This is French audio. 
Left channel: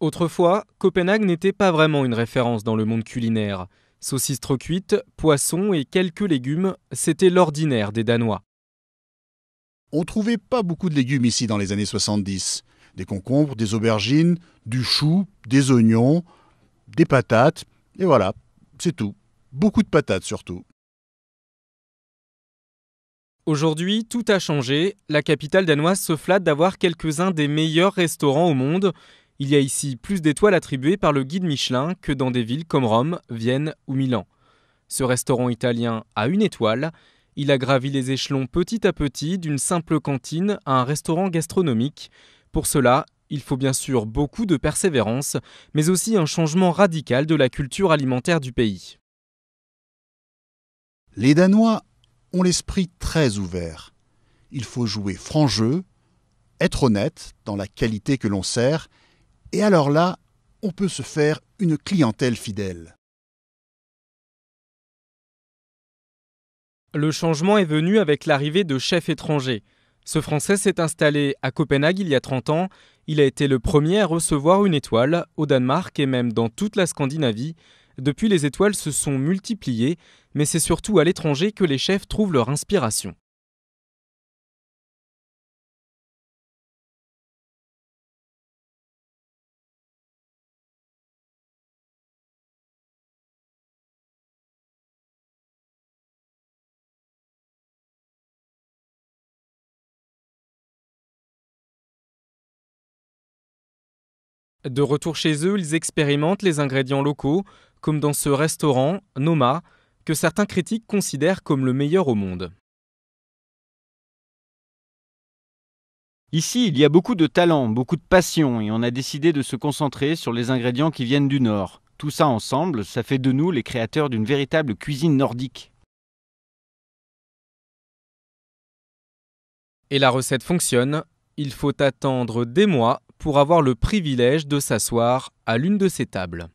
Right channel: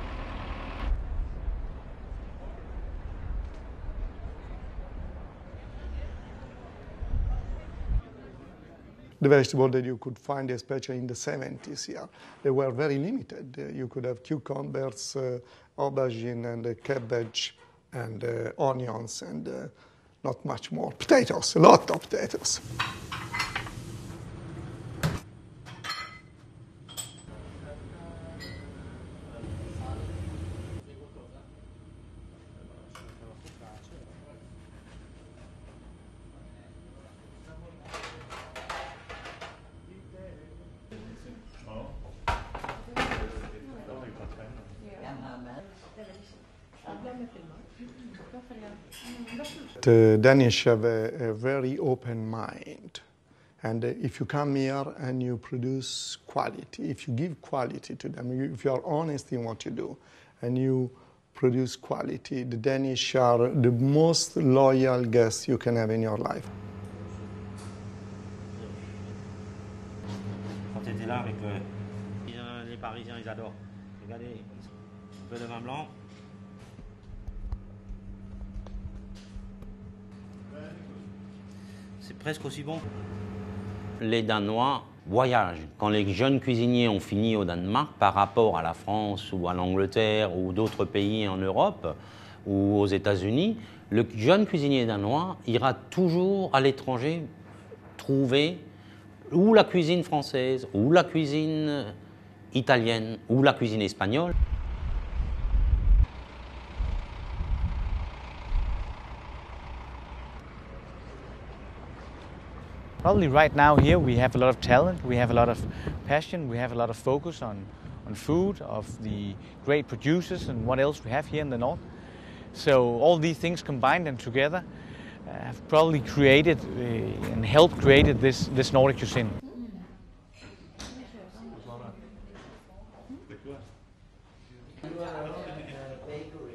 Autrefois, Copenhague n'était pas vraiment une référence dans le monde culinaire. Saucisses trop cuites, poissons et quelques légumes, c'était l'ordinaire des Danois. On ne trouvait pas beaucoup de légumes ici dans les années 70. Des concombres, des aubergines, du chou, des oignons, des patates, et voilà, c'est tout. Beaucoup de patates surtout. Aujourd'hui, tout a changé. La capitale danoise se flatte d'avoir quelques-uns des meilleurs restaurants au monde. Il y a ici plus d'étoiles attribuées par le guide Michelin que dans des villes comme Rome, Vienne ou Milan. Ce restaurant italien a une étoile. Il a gravi les échelons petit à petit d'une simple cantine à un restaurant gastronomique. Pour cela, il faut bien sûr beaucoup de persévérance, mais aussi un changement radical de la culture alimentaire du pays. Les Danois ont l'esprit très ouvert. Il faut jouer franc jeu, être honnête dans la qualité que l'on sert, et alors là, on peut se faire une clientèle fidèle. Le changement est venu avec l'arrivée de chefs étrangers. Ce Français s'est installé à Copenhague il y a 30 ans. Il a été le premier à recevoir une étoile au Danemark et même dans toute la Scandinavie. Depuis, les étoiles se sont multipliées, mais c'est surtout à l'étranger que les chefs trouvent leur inspiration. Les Danois voyagent. Quand les jeunes cuisiniers ont fini au Danemark par rapport à la France ou à l'Angleterre ou d'autres pays en Europe ou aux États-Unis, le jeune cuisinier danois ira toujours à l'étranger trouver ou la cuisine française, ou la cuisine italienne, ou la cuisine espagnole. De retour chez eux, ils expérimentent les ingrédients locaux, comme dans ce restaurant, Noma, que certains critiques considèrent comme le meilleur au monde. Ici, il y a beaucoup de talent, beaucoup de passion et on a décidé de se concentrer sur les ingrédients qui viennent du Nord. Tout ça ensemble, ça fait de nous les créateurs d'une véritable cuisine nordique. Et la recette fonctionne. Il faut attendre des mois pour avoir le privilège de s'asseoir à l'une de ces tables.